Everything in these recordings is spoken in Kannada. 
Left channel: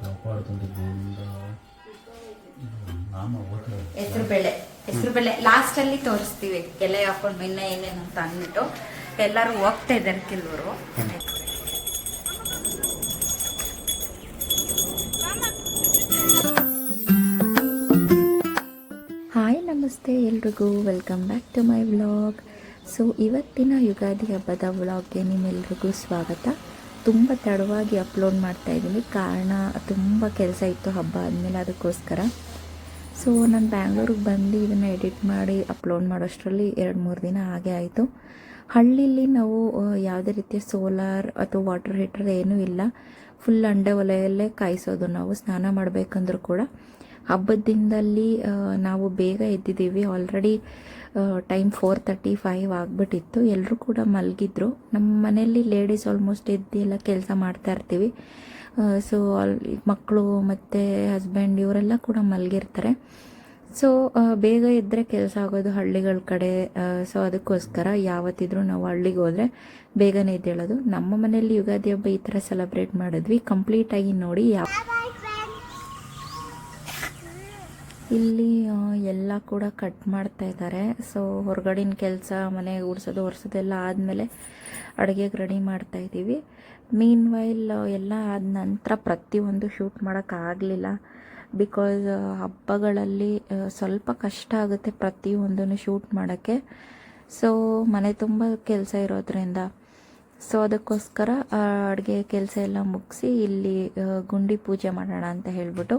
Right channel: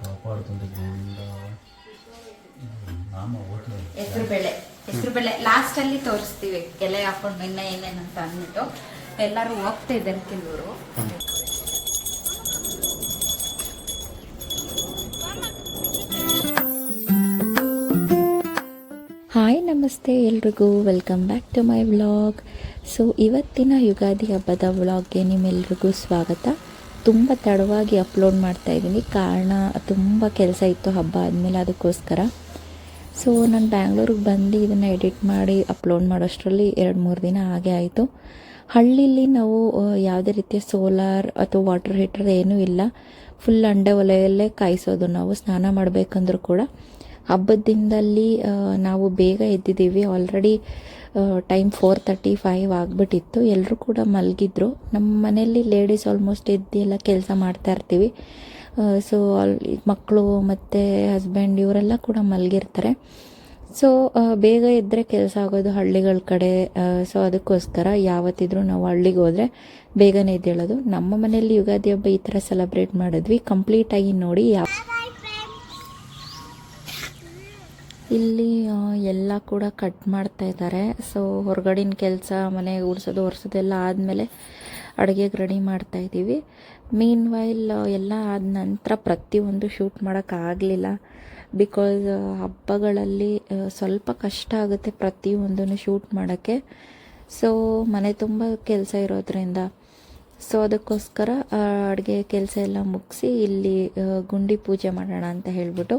ಕೊಟ್ಟು ನಾಮ ಓದ್ತಾ ಹೆಸರು ಬೇಳೆ ಹೆಸರು ಬೇಳೆ ಲಾಸ್ಟ್ ಅಲ್ಲಿ ತೋರಿಸ್ತೀವಿ ಎಲೆ ಹಾಕೊಂಡು ಇನ್ನ ಅಂತ ಅಂದ್ಬಿಟ್ಟು. ಎಲ್ಲರೂ ಹೋಗ್ತಾ ಇದ್ದಾರೆ ಕೆಲವರು. ಹಾಯ್ ನಮಸ್ತೆ ಎಲ್ರಿಗೂ. Welcome back to my vlog so ಇವತ್ತಿನ ಯುಗಾದಿ ಹಬ್ಬದ ವ್ಲಾಗ್ಗೆ ನಿಮ್ಮೆಲ್ರಿಗೂ ಸ್ವಾಗತ. ತುಂಬ ತಡವಾಗಿ ಅಪ್ಲೋಡ್ ಮಾಡ್ತಾ ಇದ್ದೀನಿ. ಕಾರಣ ತುಂಬ ಕೆಲಸ ಇತ್ತು ಹಬ್ಬ ಆದಮೇಲೆ ಅದಕ್ಕೋಸ್ಕರ. ಸೊ ನಾನು ಬ್ಯಾಂಗ್ಳೂರಿಗೆ ಬಂದು ಇದನ್ನು ಎಡಿಟ್ ಮಾಡಿ ಅಪ್ಲೋಡ್ ಮಾಡೋಷ್ಟರಲ್ಲಿ ಎರಡು ಮೂರು ದಿನ ಹಾಗೆ ಆಯಿತು. ಹಳ್ಳಿಲಿ ನಾವು ಯಾವುದೇ ರೀತಿಯ ಸೋಲಾರ್ ಅಥವಾ ವಾಟರ್ ಹೀಟರ್ ಏನೂ ಇಲ್ಲ. ಫುಲ್ ಅಂಡೆ ಒಲೆಯಲ್ಲೇ ಕಾಯಿಸೋದು ನಾವು, ಸ್ನಾನ ಮಾಡಬೇಕಂದ್ರೂ ಕೂಡ. ಹಬ್ಬದ ದಿನದಲ್ಲಿ ನಾವು ಬೇಗ ಎದ್ದಿದ್ದೀವಿ. Already time four thirty five ಆಗಿಬಿಟ್ಟಿತ್ತು. ಎಲ್ಲರೂ ಕೂಡ ಮಲಗಿದ್ರು. ನಮ್ಮ ಮನೆಯಲ್ಲಿ ಲೇಡೀಸ್ ಆಲ್ಮೋಸ್ಟ್ ಇದ್ದೆಲ್ಲ ಕೆಲಸ ಮಾಡ್ತಾ ಇರ್ತೀವಿ. ಸೊ ಅಲ್ಲಿ ಮಕ್ಕಳು ಮತ್ತು ಹಸ್ಬೆಂಡ್ ಇವರೆಲ್ಲ ಕೂಡ ಮಲಗಿರ್ತಾರೆ. ಸೊ ಬೇಗ ಇದ್ದರೆ ಕೆಲಸ ಆಗೋದು ಹಳ್ಳಿಗಳ ಕಡೆ. ಸೊ ಅದಕ್ಕೋಸ್ಕರ ಯಾವತ್ತಿದ್ರೂ ನಾವು ಹಳ್ಳಿಗೆ ಹೋದರೆ ಬೇಗನೆ ಇದ್ದೇಳೋದು ನಮ್ಮ ಮನೆಯಲ್ಲಿ ಯುಗಾದಿ ಹಬ್ಬ ಈ ಥರ ಸೆಲೆಬ್ರೇಟ್ ಮಾಡಿದ್ವಿ. ಕಂಪ್ಲೀಟಾಗಿ ನೋಡಿ ಯಾವ ಇಲ್ಲಿ ಎಲ್ಲ ಕೂಡ ಕಟ್ ಮಾಡ್ತಾ ಇದ್ದಾರೆ. ಸೊ ಹೊರಗಡಿನ ಕೆಲಸ ಮನೆ ಉಡ್ಸೋದು, ಒರೆಸೋದು ಎಲ್ಲ ಆದಮೇಲೆ ಅಡುಗೆಗೆ ರೆಡಿ ಮಾಡ್ತಾ ಇದ್ದೀವಿ. ಮೀನ್ ವೈಲ್ ಎಲ್ಲ ಆದ ನಂತರ ಪ್ರತಿಯೊಂದು ಶೂಟ್ ಮಾಡೋಕ್ಕಾಗಲಿಲ್ಲ ಬಿಕಾಸ್ ಹಬ್ಬಗಳಲ್ಲಿ ಸ್ವಲ್ಪ ಕಷ್ಟ ಆಗುತ್ತೆ ಪ್ರತಿಯೊಂದನ್ನು ಶೂಟ್ ಮಾಡೋಕ್ಕೆ. ಸೊ ಮನೆ ತುಂಬ ಕೆಲಸ ಇರೋದ್ರಿಂದ. ಸೊ ಅದಕ್ಕೋಸ್ಕರ ಅಡುಗೆ ಕೆಲಸ ಎಲ್ಲ ಮುಗಿಸಿ ಇಲ್ಲಿ ಗುಂಡಿ ಪೂಜೆ ಮಾಡೋಣ ಅಂತ ಹೇಳ್ಬಿಟ್ಟು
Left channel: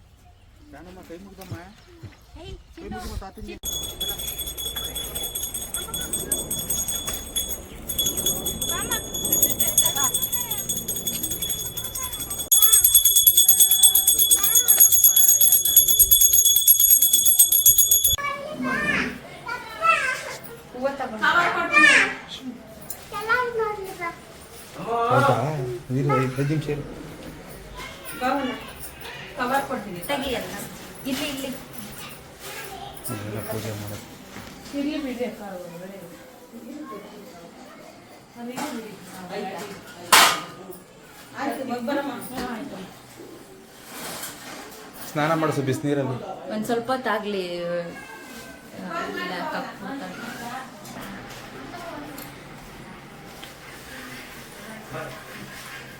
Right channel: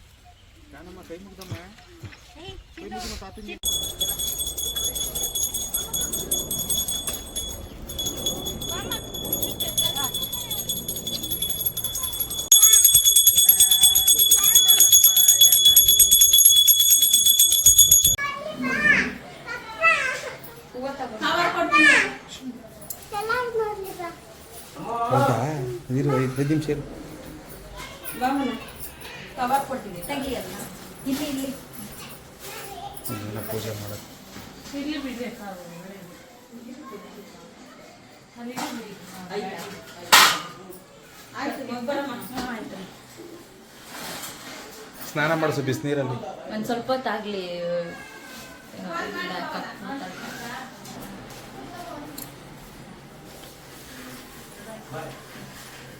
ಇರು ಐದು ಐದು ನಿಮಿಷ ಇರು ತೆಗಿಯಲ್ಲ ಇಲ್ಲಿ ಇಲ್ಲಿ. ಪೂಜೆ ಮಾಡೋದು. ಸ್ನಾನ ಮಾಡಿಸು ಬಿಸಿನೀರಲ್ಲಿ. ಒಂದು ಸ್ವಲ್ಪ ಹೊತ್ತಾಗ್ಲಿ ಇಲ್ಲ.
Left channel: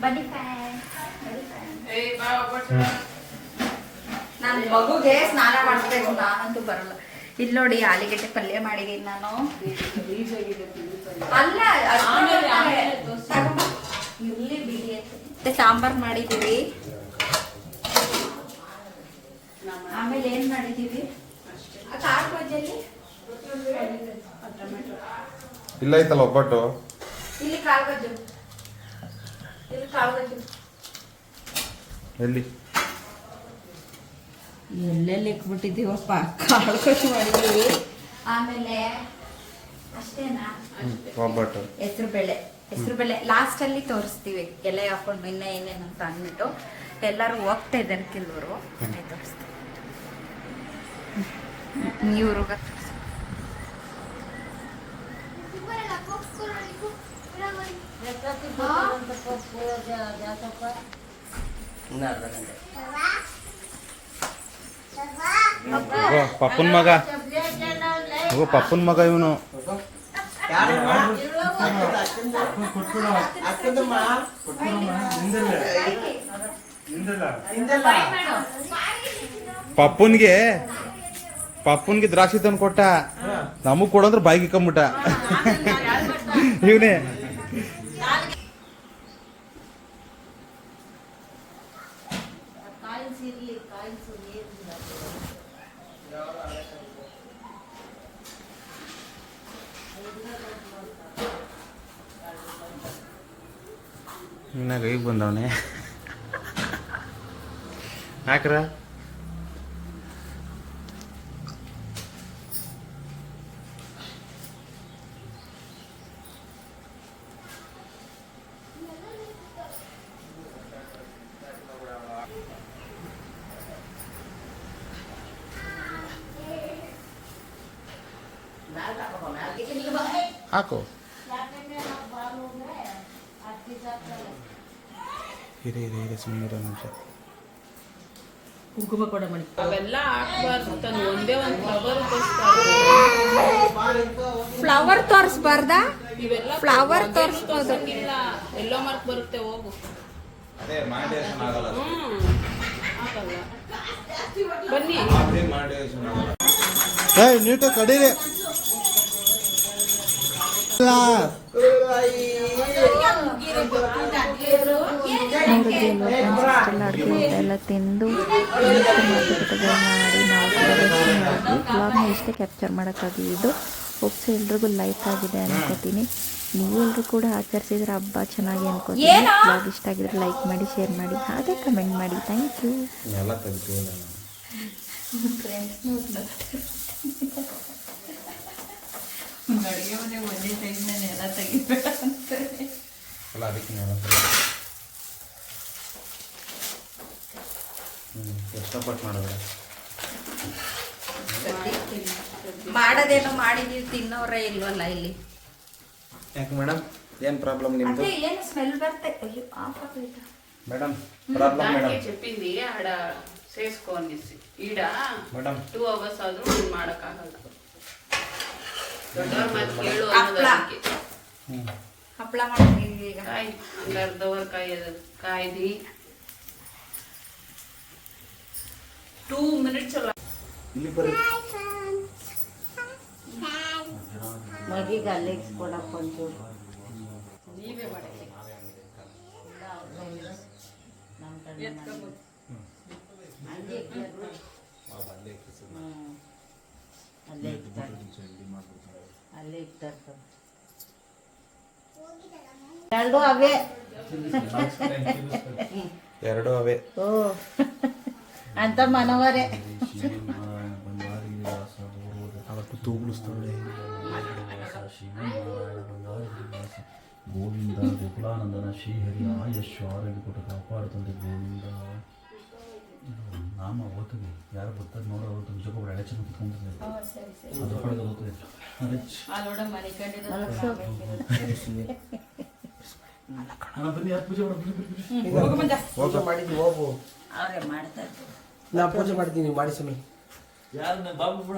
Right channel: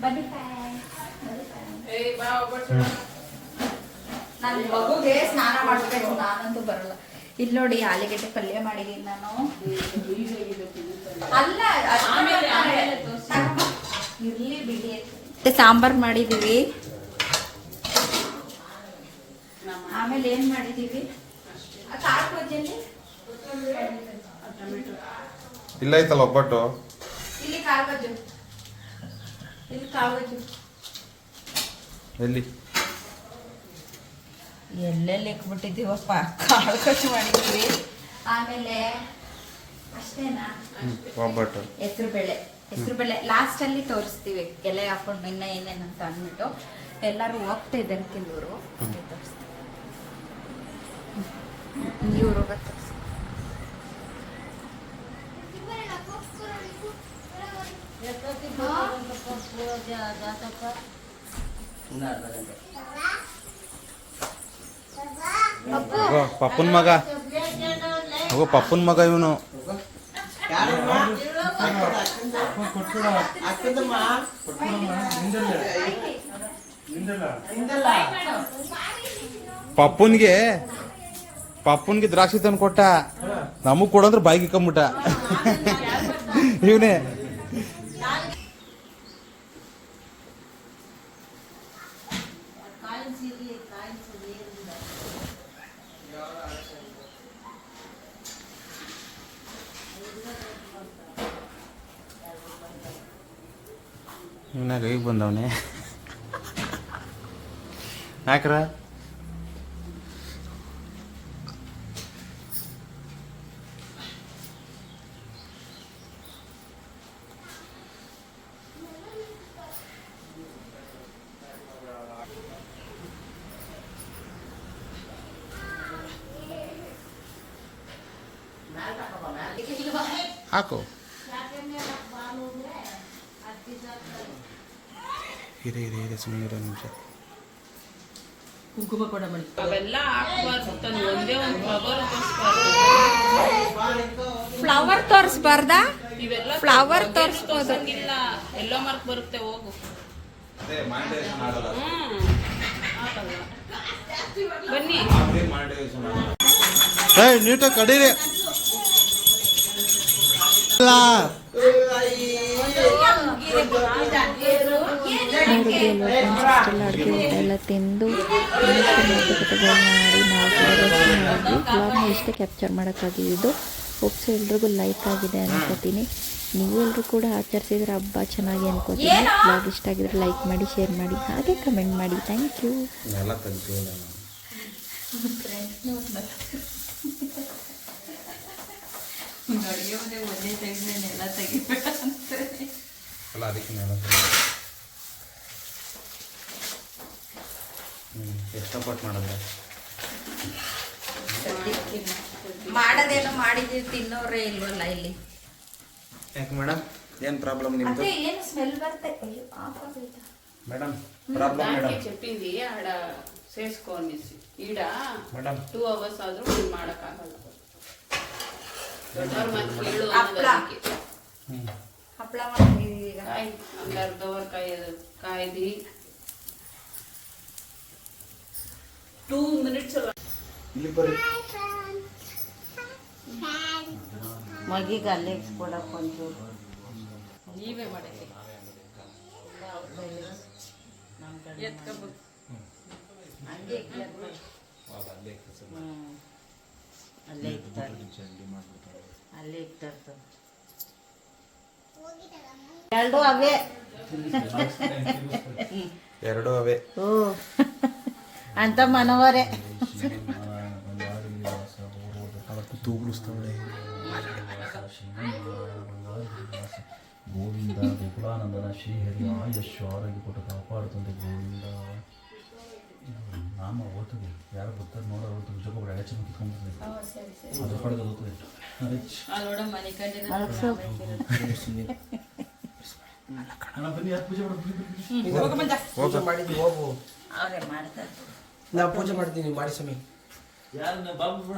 ಬನ್ನಿ ಬನ್ನಿ. ನಾನು ಮಗುಗೆ ಸ್ನಾನ ಮಾಡಿಸ್ಬೇಕು ನಾನಂತೂ ಬರಲ್ಲ. ಇಲ್ಲಿ ನೋಡಿ ಆಲಿಗೆಟ್ಟೆ ಪಲ್ಯ ಮಾಡಿದೀನಿ ನಾನು. ಅಲ್ಲ ಇರ್ಲಿ ಬಿಡಿ. ಮತ್ತೆ ಸಾಂಬಾರ್ ಮಾಡಿದೀವಿ ಆಮೇಲೆ ಏನ್ ಮಾಡಿದೀವಿ ಆ ಖಾರ ಬಜ್ಜಿಯಲ್ಲಿ ಇಲ್ಲ ಐತಲ್ಲ ಒಬ್ಬಟ್ಟು. ಇಲ್ಲಿ ಬಜ್ಜು ಇಲ್ಲಿ ಬಜ್ಜು ಎಲ್ಲಿ? ಎಲ್ಲೆಲ್ಲಿ ಇಟ್ಬಿಟ್ಟಿದ್ದೀವಪ್ಪ ಕಾಳು ಕಟ್ಟು ಮಾಡಿದೀವಿ ಆಮೇಲೆ ಅಷ್ಟೇನಾ? ಒಬ್ಬಟ್ಟು ಹೆಸರು ಬೇಳೆ. ಹೆಸರು ಬೇಳೆ ಲಾಸ್ಟ್ ಅಲ್ಲಿ ತೋರಿಸ್ತೀವಿ. ಎಲೆ ಹಾಕೊಂಡು ಇನ್ನ ಅಂತ ಅಂದ್ಬಿಟ್ಟು. ಎಲ್ಲರೂ ಹೋಗ್ತಾ ಇದ್ದಾರೆ ಕೆಲವರು. ತೋರಿಸ್ತೀವಿ. ಇವ್ರು ಪಪ್ಪನ ಮಗ. ಹೋಗೋ, ಪಪ್ಪನ ಮಗ ಇವನು. ಪಪ್ಪನ್ಗೆ ಪಪ್ಪನ್ಗೆ ದ್ರಾಕ್ಷಿ ತಂದು ಕೊಟ್ಟ. ನಮಗ್ ಕೊಡಂದ್ರೆ ಬಾಯಿಗೆ ಕಂಬಿಟ್ಟ ಇವನೇ. నాకు ఇబ్బంది అవునే నాకురా ಹಾಕು ಇದೆ ಇದೆ ಇದೆ ಸುಮ್ಮನೆ ನಿಮಿಷ ಅವೆಲ್ಲ ಹಾಕ್ಬಾರ್ದು ತನ್ನ ಒಂದೇ ಒಂದು ಫ್ಲವರ್ ತೋರಿಸ್ಬಾರ್ದು. ಫ್ಲವರ್ ತೋರಿಸ್ಬಾರ್ದಾ? ಇವೆಲ್ಲ ಫ್ಲವರ್ ತೋರಿಸ್ಬೋದು. ಇಲ್ಲ ಎಲ್ಲೋ ಮಾರ್ಕ್ ಬರುತ್ತೆ ಹೋಗು. ಅದೇ ಮಾನಿಟೈಸೇಷನ್ ಆಗಲ್ಲ ಹ್ಮ್ ಆಗಲ್ಲ. ಬನ್ನಿ. ನೀಟಾಗಿ ಕಡೀರಿ. ಅಡುಗೆ ಊಟ ಎಲ್ಲ ತಿಂದು ಮಾಡಿ ನಾವು ಕೂಡ ಮಾಡಿದ್ವಿ ಬ್ಲಾಗ್ನ ಇಷ್ಟೇ ಕ್ಯಾಪ್ಚರ್ ಮಾಡೋಕ್ಕಾಗಿದ್ದು ಹೋಪ್ಸ್ ಎಲ್ರಿಗೂ ಲೈಕ್ ಆಗಿದೆ ಅನ್ಕೋತೀನಿ ನೀವೆಲ್ಲರೂ ಕೂಡ ಆಚರಿಸಿದ್ರೆ ಹಬ್ಬ ಚೆನ್ನಾಗಿ ಅನ್ಕೋತೀನಿ ಬ್ಲಾಗ್ ಇಷ್ಟ ಆಗಿದ್ರೆ ಲೈಕ್ ಮಾಡಿ ಶೇರ್ ಮಾಡಿ ಹಾಗೆ ಕಮೆಂಟ್ ಮಾಡಿ. Thank you. ಎಲ್ಲ ತೆಗ್ಸಿಲ್ಲ ನಾನು ಅಲ್ಲ ಅದಕ್ಕೆ ನೆಲ ತೆಗ್ದು. ಹ್ಮ್ ಎಷ್ಟಪಟ್ಟು ಮಾಡಿದ್ರೆ ಮಾಡೋದೇನೋ ಮಾಡಿದೀವಿ ತಿನ್ನೋರೇ ಇಲ್ವಲ್ಲ ಇಲ್ಲಿ ಯಾಕೆ ಮೇಡಮ್ ಏನು ಪ್ರಾಬ್ಲಮ್ ನಿಮ್ಮದು ಅದೇ ಏನು ಸ್ಮೆಲ್ ಬರ್ತೆ ಅಯ್ಯೋ ಆಫ್ ಆಗ್ಬಿಡ್ತು. ಮೇಡಮ್ ಪ್ರಾಬ್ಲಮ್ దానికి ಮೇಡಮ್ చెప్పింది ఆడ చేసుకో అనేసి ఈడ ಮೇಡಮ್ టూ అవర్స్ ಆದ್ರೂ ನೀನ್ ಮಾಡಕ್ಕಾಗಲ್ಲ ದೊಡ್ಡವ್ರ ಮಾತು ಕೇಳು ಹಪ್ಳ. ಅನ್ನೋದಕ್ಕೆ ಹ್ಞೂ ಹಪ್ಪಳ ಮಾಡಿದೀವಿ ಈಗ ಕಾಯಿ ಒಂದು ಅರ್ಧ ಅವರ್ ಕಾಯಿ ಕಾಯ್ದು ಟೂ ಮಿನಿಟ್ಸ್ ಇಲ್ಲಿ ಬರ್ರಿ ಮಗಿಗೆ ಅಲ್ಲೇ ಇಸ್ಕೊಡಕ್ಕೆ ಒಂಚೂರು ನೀವೇ ಮಾಡಿ ಎತ್ಕೊಬೇಕು ಅಲ್ಲೇ ಇರ್ತಾರೆ ಅಲ್ಲೇ ಇರ್ತಾರೆ ಎರಡು ಅವೇ ಎರಡು ಅವೇ ಓ ಅಂತ ಮನವರೇ ಶ್ರೀಮನ್ನಾರಾಯಣ ಬಂಗಾರಿ ವಿಲಾಸ ಗೌರವದ ಅವತ್ತು ತೂಗುಳಿಸ್ತವಳೆ ಶ್ರೀಮನ್ನಾರಾಯಣ ಬಂಗಾರಿ ವಿಲಾಸ ಗೋವಿಂದ ಗೋಕುಲಾನಂದನ ಶ್ರೀಹರಿ ಆಯಸ್ಸು ಆರೋಗ್ಯ ಕೊಟ್ಟು ಕಾಪಾಡುತ್ತಂತೆ ಗೋವಿಂದ ಇದು ನಾಮ ಓದ್ತೀವಿ ಯಾರು ಬರ್ತಾರೆ ನೋಡೋ ಅವತ್ತು ವಿಜಯಪುರ ಎಳೆ ಚೆನ್ನ ಕಿತ್ಕೊಂಡ್ಬಿಡ್ತಾರೆ ಅದ್ರ ಕಡೆಗೆ ಓದ್ತೀವಿ ಮಾಡಿದ್ವಿ ಹೋಗು. ನಾ ಪೂಜೆ ಮಾಡಿದ್ದೀನಿ ಮಾಡಿ ಸ್ವಾಮಿ. ಯಾರು? ಬಾಬು ಬಿಡ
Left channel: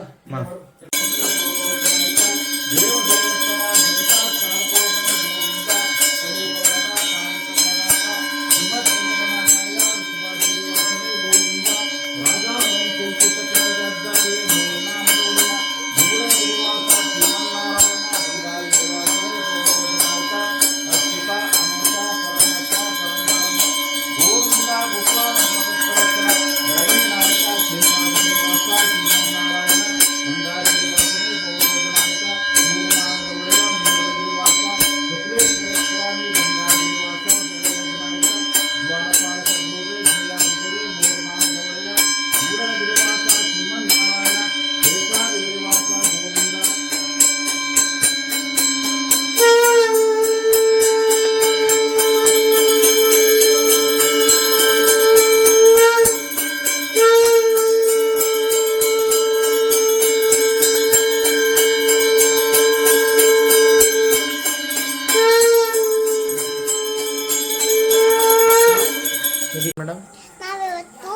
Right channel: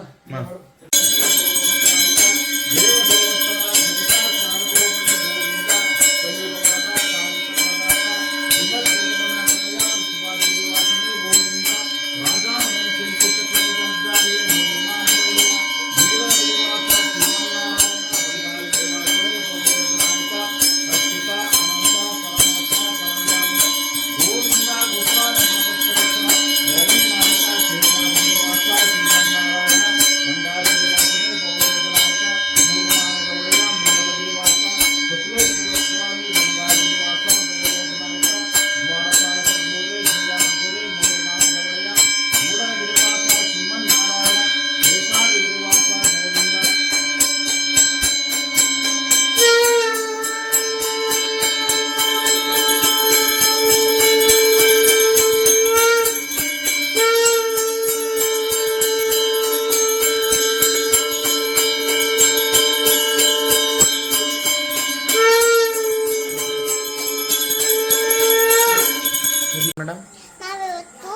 ಮೇಡಮ್ ನಾವಿವತ್ತು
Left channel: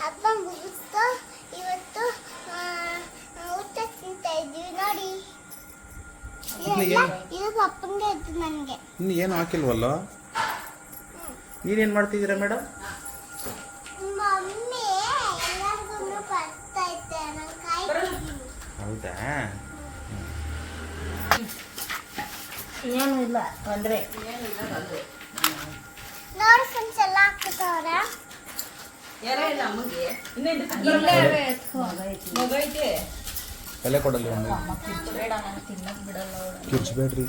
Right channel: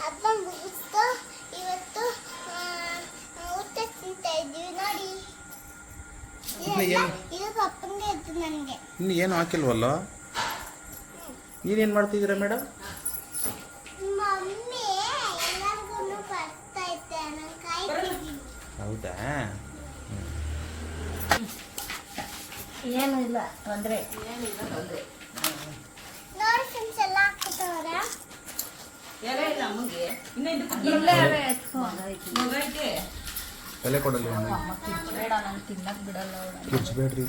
ಹಬ್ಬ ಮುಗಿಸ್ತು ಇವತ್ತು ಊಟ ತಿಂತಾ ಇದ್ದೀವಿ ನೋಡಿ? ಇದು ಇದ್ದು ನನಗೆ. ಇನ್ನು ಏನು ಹಾಕಿಲ್ವಲ್ಲ? ನೀವೇನು ಮಾಡ್ತಿದ್ದೀರಾ ಮೇಡಮ್ ಮಮ್ಮಿ ಎಲ್ಲರಿಗೂ ಬರ್ತಾ ಇದ್ದೆ ನಾನು ಕಾಯ್ತಿದ್ದೀನಿ ಹೌದಾ? ಏನೂ ಇಲ್ಲ ತೊಂದರೆ. ತಲೆ ಕೊಡಲ್ಲ ಕಿರ್ಚ್ಬೇಡ್ರಿ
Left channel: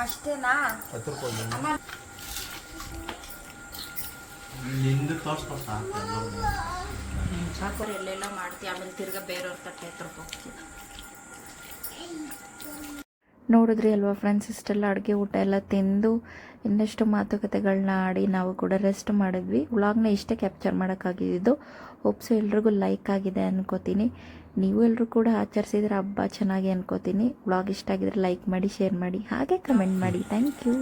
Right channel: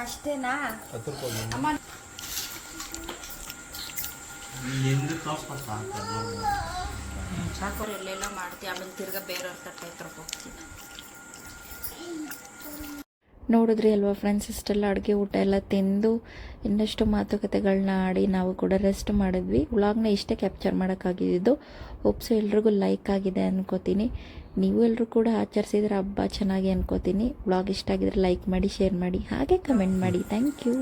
ಅಷ್ಟೇನಾ ಹತ್ತು ರೂಪಾಯಿ ಎಂದು ತೋರ್ಸ್ಕೊಸ್ತಾ ಚಾಕೂರ್ ಎಲ್ಲೆಲ್ಲ ಮಾಡ್ತೀವಿ ಆಮೇಲೆ ತಿರ್ಗಾ ಬೇರೆಯವ್ರ ತಟ್ಟೆ ಹತ್ರಕ್ಕೆ ನೋಡಿದ್ರಿ ಅಲ್ವಾ ಫ್ರೆಂಡ್ಸ್ ಇಷ್ಟೆಲ್ಲ ಅಡುಗೆ ಊಟ ಎಲ್ಲ ತಿಂದು ಇನ್ನಷ್ಟು ಮಾತುಕತೆಗಳನ್ನ ಆಡಿ ನಾವು ಕೂಡ ರೆಸ್ಟ್ ಮಾಡಿದ್ವಿ. ವ್ಲಾಗ್ನ ಇಷ್ಟೇ ಕ್ಯಾಪ್ಚರ್ ಮಾಡೋಕ್ಕಾಗಿದ್ದು ಹೋಪ್ಸು ಎಲ್ರಿಗೂ ಲೈಕ್ ಆಗಿದೆ ಅನ್ಕೋತೀನಿ. ನೀವು ಎಲ್ಲರೂ ಕೂಡ ಆಚರಿಸಿದ್ರೆ ಹಬ್ಬ ಚೆನ್ನಾಗಿ ಅನ್ಕೋತೀನಿ. ವ್ಲಾಗ್ ಇಷ್ಟ ಆಗಿದ್ರೆ ಲೈಕ್ ಮಾಡಿ ಶೇರ್ ಮಾಡಿ, ಹಾಗೆ ಕಮೆಂಟ್ ಮಾಡಿ. Thank you